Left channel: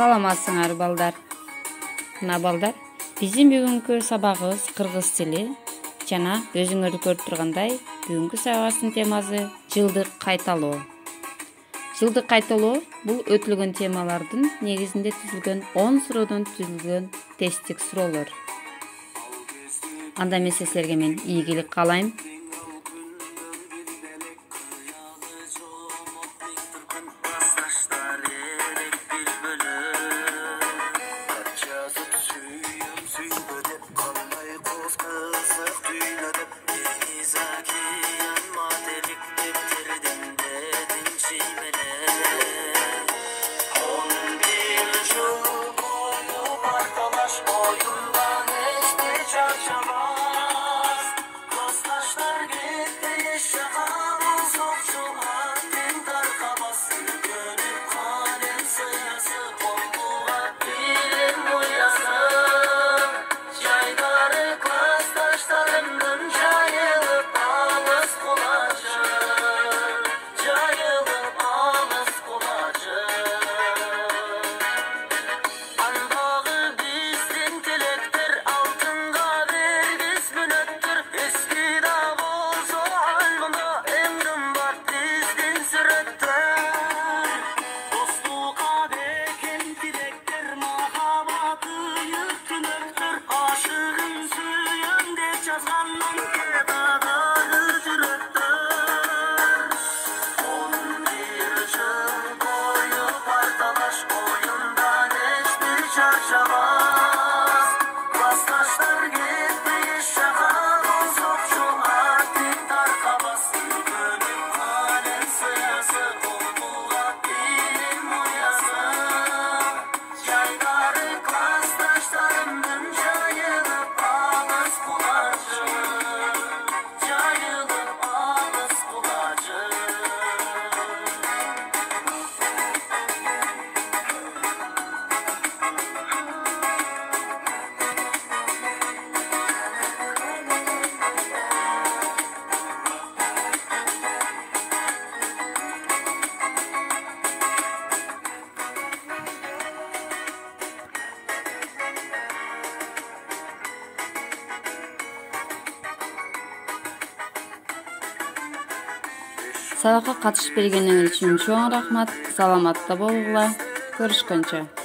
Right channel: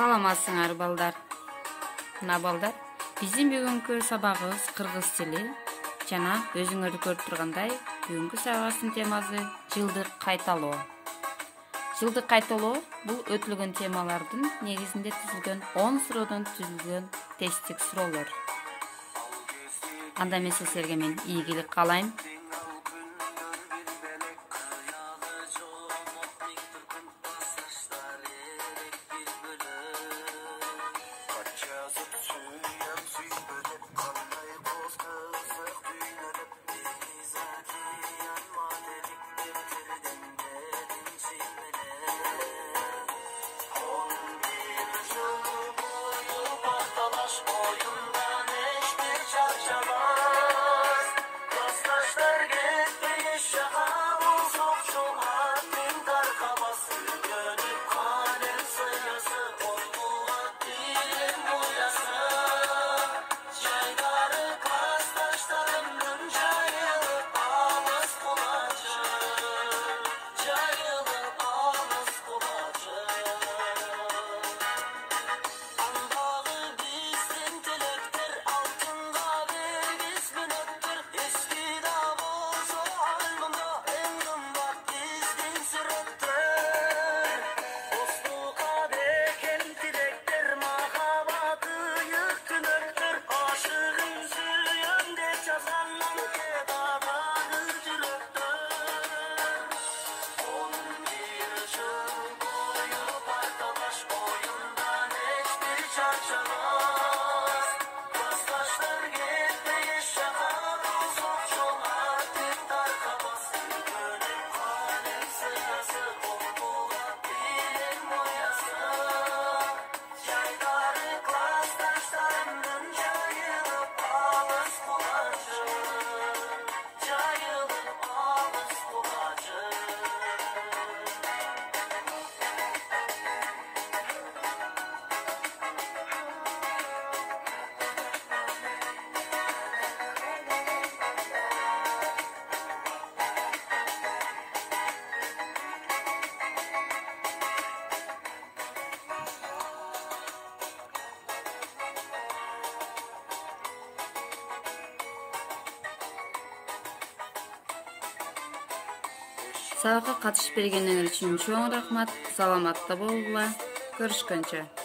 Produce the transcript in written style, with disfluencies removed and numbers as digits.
Саламатсыңар балдар. Мына балдар, биздин бүгүнкү сабагыбыз кыргыз тили жана өзүңөрдү көрүп тургандай, бүгүнкү сабагыбыздын темасы жылдык кайталоо. Жылдык кайталоо бул өтүлгөн темалардын негизинде түзүлгөн 10 суроодон түзүлгөн тесттик суроолор. Анда мен силерге ийгилик каалайм. Сабакка катышып бергениңиз үчүн чоң рахмат. Саламатта болгула. Көрүшкөнчө.